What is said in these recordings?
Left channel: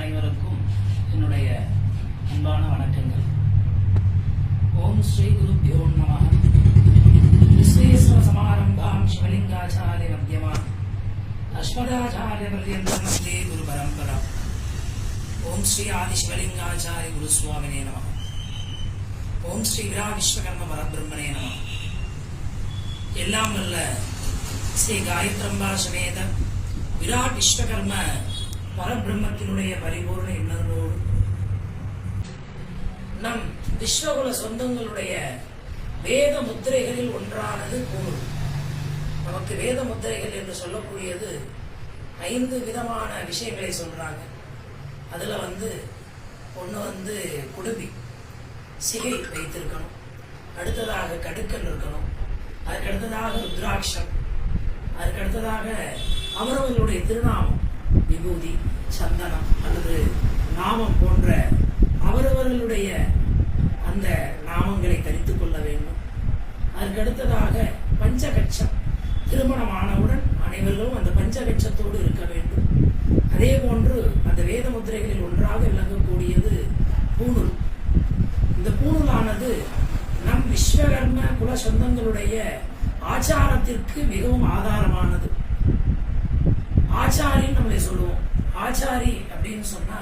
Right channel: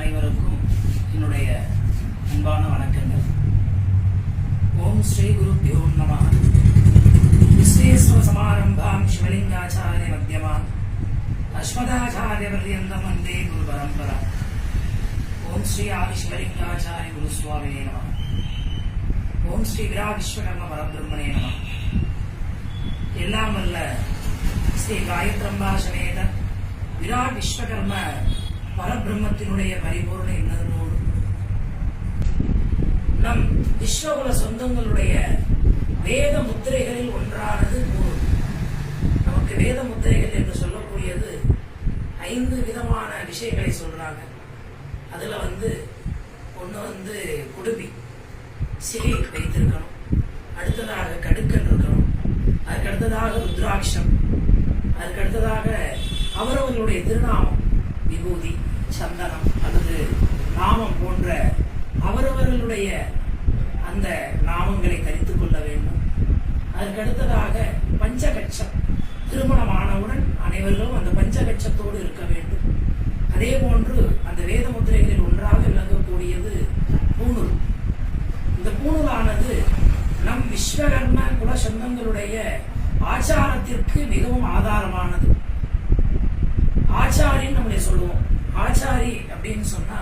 அனைவருக்கும் என்னுடைய அன்பான வணக்கங்கள். ஓம் ஸ்ரீ குரு நம. விஸ்வேஸ்வர சமாரம்பாம் சிவலிங்காச்சாரிய மத்தியமா அஸ்மதாச்சாரிய பர்யந்தம் வந்தே குரு பரம்பரா. ஓம் ஸ்ரீ ஆதி சிவலிங்காச்சாரிய குரு சுவாமினே நம. ஓம் ஸ்ரீ விரா விஸ்வகர்ம பரபிரம்மனே நம. எல்லாம் வல்ல ஸ்ரீ காயத்ரம்பா சமேத விராட் விஸ்வகர்ம பரபிரம்மத்தினுடைய பரிபூர்ண எண்ணங்களோடு நம் விஸ்வகுல சொந்தங்களுடைய வேத முத்திரைகளில் ஒன்றானது கூறு நமக்கு வேத முத்திரைகள் என்று சொல்லக்கூடியது ஐந்து விதமான விஷயங்களை சொல்றாங்க. அதுல வந்து ஒன்று வந்து குடுமி சிகை வைத்திருக்கணும். அடுத்ததாக கடுக்கல் இருக்கணும். அதுக்கடுத்ததாக ருத்ராட்சம். அதுக்கடுத்ததாக அவரவர்களுடைய திருநாமம் விபூதி. சந்தனம் அல்லது நாமம் போன்ற அவரவர்களுடைய அந்த நாமங்களை தரித்துக் கொள்ள வேண்டும். அதற்கடுத்ததாக பஞ்சகட்சம் திருமணமானவுடன் அனைவர்களும் அந்த பஞ்சகட்சத்தோடு இருக்க வேண்டும். அதே போன்று அந்த வேத முத்திரைகளில் ஒன்றாக விளங்கக்கூடியது பூணூல். இந்த பூணூலானது நம் விஸ்வகர்ம குல சொந்தங்களுடைய ஆச்சாரத்திற்கு மிகவும் ஆதாரமானது. ஆச்சாரின்னு நம்மளை சொல்லுவோம். ஆச்சாரி அப்படின்னு சொன்னா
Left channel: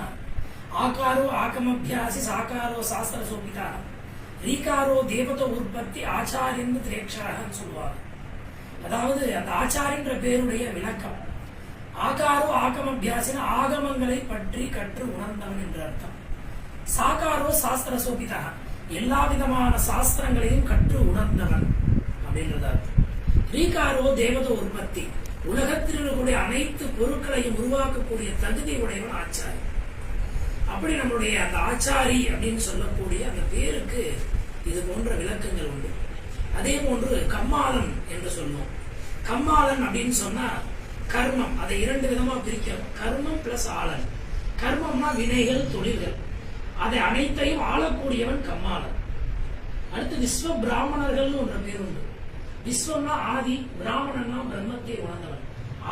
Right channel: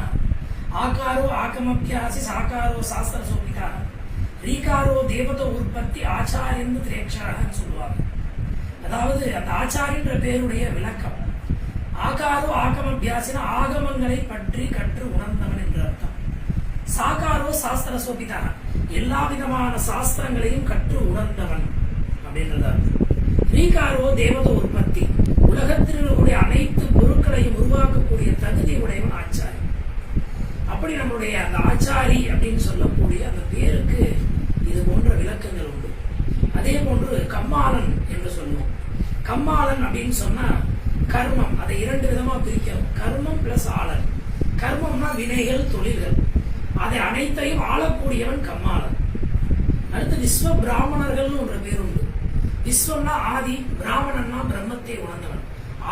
ஆகாரோ ஆகமபியாசி சாகாரோ சாஸ்திர சோபிதா. ரீகாரோ தேவத உற்பத்தி ஆச்சாரியன் திரேக்ஷாரன்னு சொல்லுவாங்க அதாவது அந்த ஆச்சாரின்ற பேருடைய விளக்கம் ஆகாரோ ஆகமபியாசின ஆகமங்களை பற்றி கற்று உணர்ந்தவன் என்று அர்த்தம். சாகாரோ சாஸ்திர சோபிதா எல்லா விதமான சாஸ்திரங்களையும் கற்று உணர்ந்தவன் அப்படின்றது அர்த்தம். ரீகாரோ தேவத உற்பத்தி. உலகத்தில் இருக்கக்கூடிய அனைத்து பொருட்களையும் உருவாக்கக்கூடிய தகுதி உடையவன் ஆச்சாரி. அப்படி நம்மளுடைய அந்த ஆச்சாரி அப்படின்னு சொல்லக்கூடிய அந்த பேருக்கு இது போன்ற விளக்கங்கள் உண்டு. அதே போன்று கம்மாளன் என்று சொல்லுவோம். கம்மாளன் அப்படின்னு சொன்னா கர்மம். அதை இரண்டு விதமா பிரிக்கிறோம். கர்மம் பிளஸ் ஆளன். கர்மம்னா வினைகள் தொழில்கள். அதை அனைத்தையும் ஆளக்கூடியவன் கம்மாளன். அடுத்து விஸ்வ பிராமணர்கள்னு ஒன்ற பேர் உண்டு. விஸ்வம்னா ஆதி பிராமணன்னா பிரம்மத்தை உணர்ந்தவன்.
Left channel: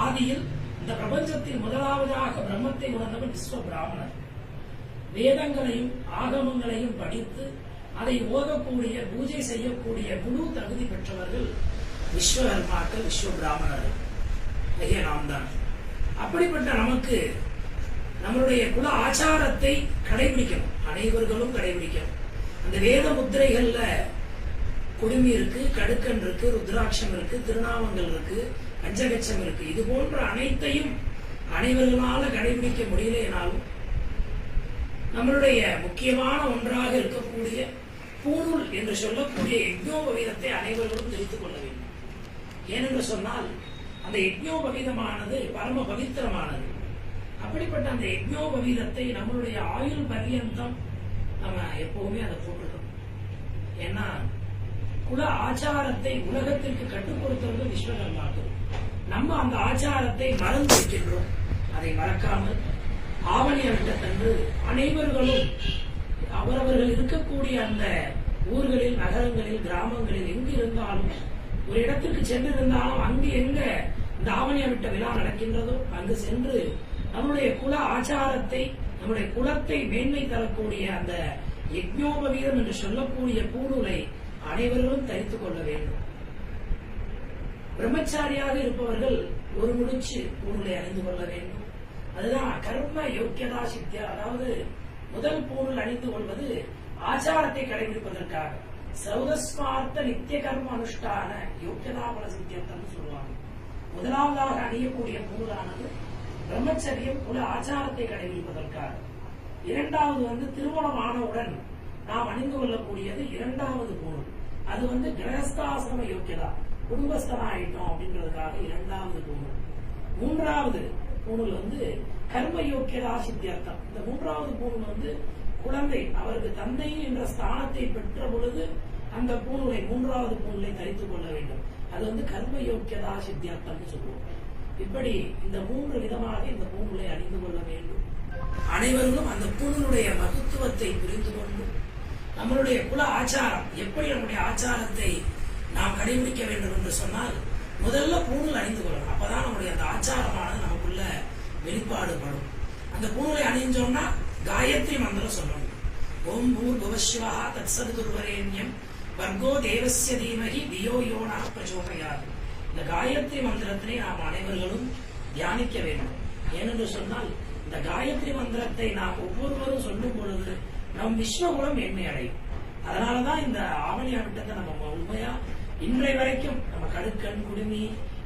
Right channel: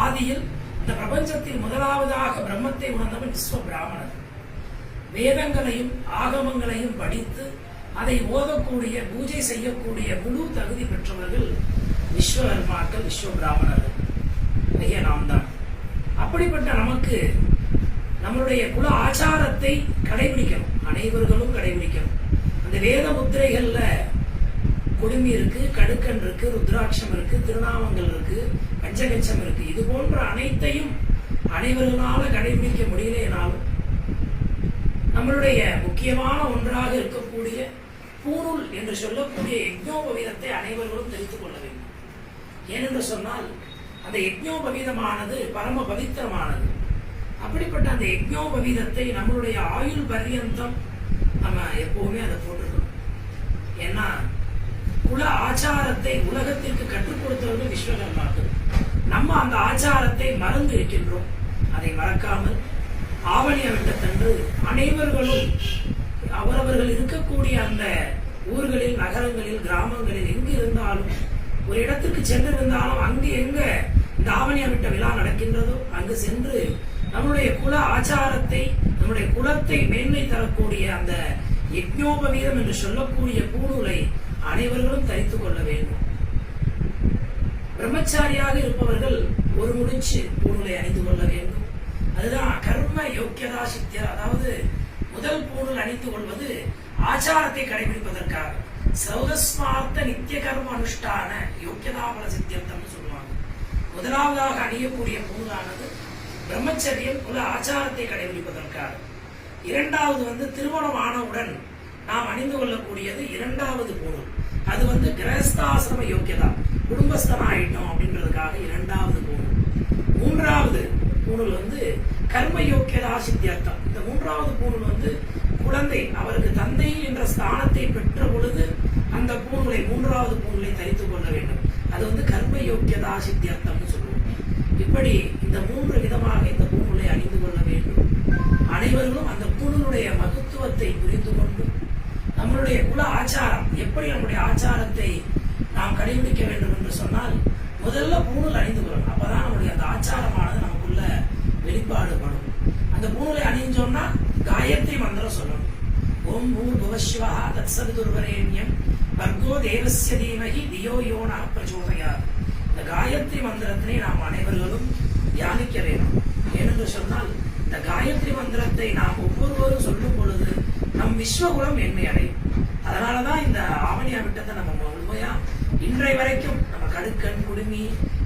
ஆதியில் இந்த பிரபஞ்சத்தில் முதலாவதாக பிரம்மத்தை உணர்ந்தவன் விஸ்வ பிராமணர் வேதங்களையும் ஆகமங்களையும் படித்து அதை ஓதக்கூடிய பூஜை செய்யக்கூடிய முழு தகுதி பெற்றவர்கள் விஸ்வகர்மாக்கள் விஸ்வ பிராமணர்கள் ஐயா நாம் தான் அப்படிப்பட்ட நமக்கு நம்மளுடைய குல ஆச்சாரத்தை கடைபிடிக்கணும். அனைவர்களும் கடைபிடிக்கணும். அந்த வேத முத்திரைகள்ல கொடுமி இருக்கு கடுக்கன் இருக்கு ருத்ராட்சம் இருக்கு திருநாமங்கள் இருக்கு பஞ்சகச்சம் இருக்கு. இது போன்ற அனைத்தையும் அனைவர்களால கடைபிடிக்க முடியலைனாலும் நம்மளுடைய முக்கியமான ஒன்றாக இருக்கக்கூடிய பூணூல் என்று சொல்லக்கூடிய யஜ்னோபவீதத்தை அனைவர்களும் தெரிந்து கொள்ள வேண்டும். ஏனென்று சொன்னால் அந்த யஜ்னோபவீதமானது பரம பவித்திரமானது. அப்படிப்பட்ட அந்த யஜ்னோபவீதத்தை நம்மளுடைய ஆயுள் பரியந்தம் நம்ம எப்பவுமே அதை போட்டுக்கணும் ஏன்னா குல ஆச்சாரத்தை உலகத்திற்கு கற்றுக் கொடுத்தவர்கள் விஸ்வகர்மாக்கள். நம்ம அந்த ஆச்சாரத்தை மறந்து வைக்கின்றோம். அதை மறக்காமல் ஆவணியர்கிட்டத்தன்று அனைவர்களும் அவரவர்கள் இருக்கக்கூடிய அந்த ஊர்களில் நகரங்களில் கிராமங்களில் எங்கு இருந்தாலும் ஒரு இடத்திற்கு சென்றிருந்தாலும் அங்கு எங்க இந்த ஆவணியவிட்ட விழா நடக்கின்றதோ அங்கு சென்று நம்முடைய குல ஆச்சாரத்தை நம்முடைய குலத்தை மேன்மை தரக்கூடிய அந்த யஜ்னோபவீதம் என்று சொல்லக்கூடிய பூணூலை அனைவர்களும் தரித்துக் கொள்ள வேண்டும். பிரம்மச்சாரியாக இருப்பவர்கள் ஒரு முடிச்சு பூணூலை அணிந்து கொள்ள வேண்டும். அதுதான் கர்ம யோக்கியதா சித்தியா. அதாவது முதல் பூணூல் அணிந்து கொள்வது ஆச்சாரத்தை கடைபிடிப்பதற்காக. சௌதஸ்மார்த்த நித்திய கர்ம அனுஷ்டான யோக்கியதாபல சித்தியர்த்தம்னு சொல்லுவாங்க. முதலாவதாக அணியக்கூடிய பூணூலானது பிரம்மச்சரியம் உள்ள ஆச்சாரத்தை கடைபிடிப்பதற்காக. இரண்டாவது வந்து திருமணம் ஆனவுடன் நாம் அணிந்து கொள்ளக்கூடியது இரண்டாவது பூணூல். அது வந்து கிரகஸ்தாசிரம யோக்கியதா? குடும்பஸ்தனம் ஆயிட்டோம் அப்படின்றதுக்காக இரண்டாவது நூல் மூன்றாவது நூல் வந்து கர்ம யோக்கியதா சித்தியார்த்தம் இந்த மூன்றாவது பூணூல் வந்து குழந்தை அவருக்கு தந்தை என்ற ஸ்தானத்தை பெற்ற பொழுது அந்த பூநூலை மூன்றாவது பூநூலை தரித்துக் கொள்ள வேண்டும். அது வந்து கர்ம யோக்கியதா சித்தியார்த்தம்னு சொல்லுவோம். இப்படி இந்த மூன்று விதமாக இந்த பூநூலை அணிந்து கொள்ள வேண்டும். அனைவரும் அந்த பூநூலுடைய மகத்துவத்தை புரிந்து கொண்டு நம்மளுடைய குல ஆச்சாரம் எப்படி நம்முடைய ஆச்சாரத்தை நாம் கடைபிடிக்க வேண்டும் என்று சொன்னால் முதல்ல பூணூல் அணிந்து கொள்ளணும். அப்பதான் நம்முடைய அந்த ஆச்சாரமானது நமக்குள்ள வெளிப்பாடுபடும் அந்த பூணூலை அணிஞ்சோம்னா காயத்ரி மந்திரம் சொல்லணும். ஓம் பூர் புவஸ்வா தத்சது துர்வரேண்யம் வர்கோ தேவசிய தீமகி தியோ யோனா பிரச்சோதையார் இந்த காயத்ரி மந்திரத்தினை நாம் அனைவர்களும் தியானிக்க வேண்டும். ஏனென்று சொன்னால் இந்த காயத்ரி மந்திரத்தை நாம் ஒவ்வொருவரும் சொல்லும் பொழுது நம் விஸ்வகுலம் மேன்மை அடையும் அதனாலதான் இந்த ஆவணியா விட்டத்தை நம்ம முழுமையா இன்றை வரைக்கும் நம்ம கடுக்கன் குடுமி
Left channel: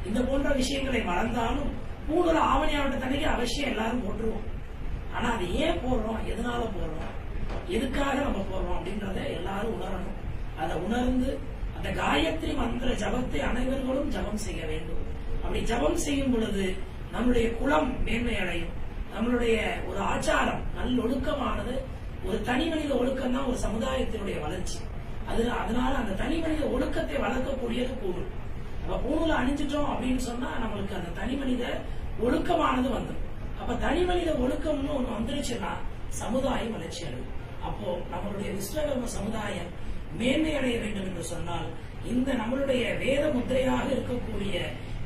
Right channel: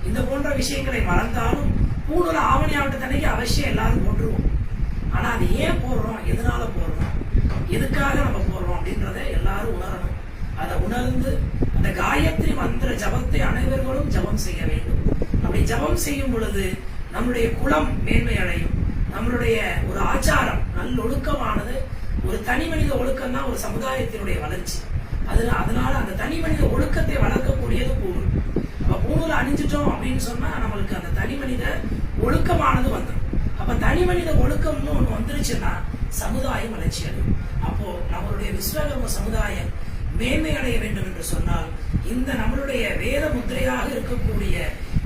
இந்த போன்ற விஷயங்களை மறந்தாலும் மூணு ஆவணி ஆவட்டத்தன்னைக்கு அவசியம் எல்லாரும் போட்டுருவோம். ஆனா அது ஏன் போடுறோம்? எதனால போடுறோம்? எதுக்காக நம்ம போடுறோம் அப்படின்றத எல்லாரும் உணரணும். அதை உணர்ந்து அந்த காயத்ரி மந்திர ஜபத்தை அனைவர்களும் ஜபம் செய்ய வேண்டும். அப்படி ஜபம் செய்யும் பொழுது நம்முடைய குலம் மேன்மை அடையும் நம்மளுடைய ஒரு ஆச்சாரம் நல்லொழுக்கமானது ஒரு தனி மனித ஒழுக்கம் தான் ஒரு சமுதாயத்தினுடைய வளர்ச்சி. அதுல அதனால அந்த தனி மனித ஒழுக்கத்தை வளர்க்கக்கூடியது பூணூல். அப்ப பூணூல் அணிஞ்சிட்டோம் அப்படின்னு சொன்னா நம்மளுக்கு அந்த தனி மனித ஒழுக்கமானது வந்துடும் அப்ப தனி மனித ஒழுக்கம்னு ஒண்ணு வந்துருச்சுன்னா சமுதாயம் வளர்ச்சி அடையும். அப்போ நம்மளுடைய விஸ்வகர்ம சமுதாயம் மேன்மை அடைய வேண்டும் என்று சொன்னால் இந்த நம்மளுடைய வேத முத்திரையாக இருக்கக்கூடிய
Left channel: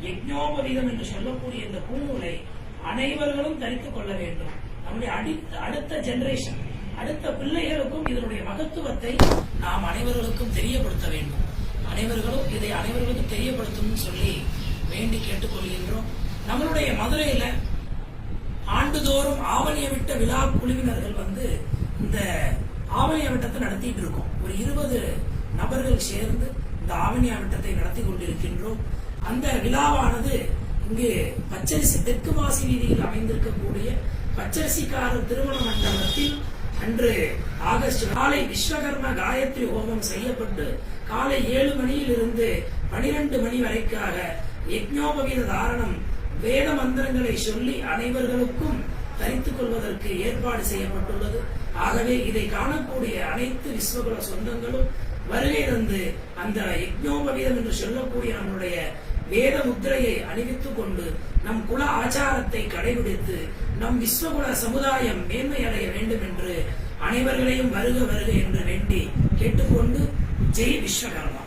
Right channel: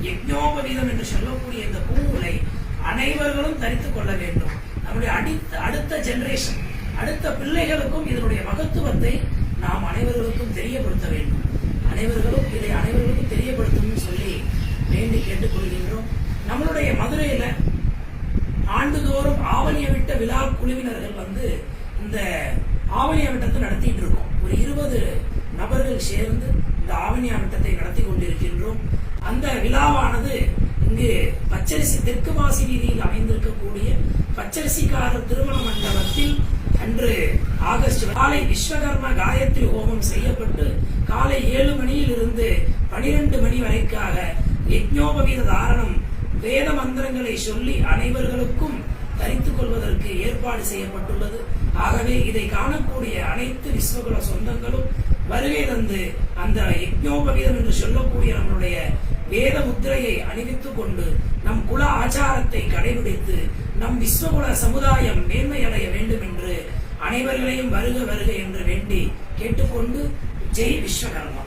யஜ்னோபவீதம் என்று சொல்லக்கூடிய இந்த பூநூலை அனைவர்களும் தரித்துக் கொள்ள வேண்டும். நம்முடைய அடுத்த அடுத்த ஜெனரேஷன் அடுத்த பிள்ளைகளுக்கும் இதனுடைய மகத்துவத்தை நாம் அனைவர்களுக்கும் தெரியப்படுத்த வேண்டும். அனைவர்களும் இதை அனைவர்களுக்கும் தெரியப்படுத்தணும்னு சொல்லி வேண்டி கேட்டுக்கொள்கின்றோம். நம்மளுடைய மதுரையில ஆண்டுதோறும் ஆவணிய விட்ட விழா குழுவினர்கள் வந்து இந்த ஆவணிய விட்டத்தை நடத்திட்டு இருக்கோம். ஒரு இருபது நபர்கள் சேர்ந்து இந்த ஆவணியா விட்டத்தை நடத்தி கொண்டிருக்கின்றோம். அந்த விழாவானது இங்கு பச்சரிசி தெற்கு வாசி வீதியில் அமைந்திருக்கக்கூடிய பச்சரிசிக்காரர் திருமண மண்டபத்தில் அன்று ஆகஸ்ட் காலை விஸ்வகர்ம காயத்ரி ஹோமம் செய்யப்பட்டு காலை ஏழு மணியில் இருந்து பனிரெண்டு மணி வரைக்காக யஜ்ஞோபவீத தாரணம் வேத மந்திரங்களை சொல்லி அனைவர்களுக்கும் தரித்துக் கொள்வதற்கு ஏற்பாடு செய்யப்பட்டுள்ளது. ஆகவே இதை காணக்கூடிய அனைத்து விஸ்வகுல சொந்தங்களும் வருகை தந்து அந்த யஜ்ஞோபவீதம் என்று சொல்லக்கூடிய நம்முடைய வேத முத்திரையை அணிவித்துக் கொண்டு நம் குல ஆச்சாரத்தை கடைபிடித்து நம் விஸ்வகுல சமுதாயம் மேன்மை அடைய வேண்டும் என்று அனைவர்களையும் வருக வருக என்று வேண்டி கேட்டுக்கொண்டு ஜெய் விஸ்வகர்மா.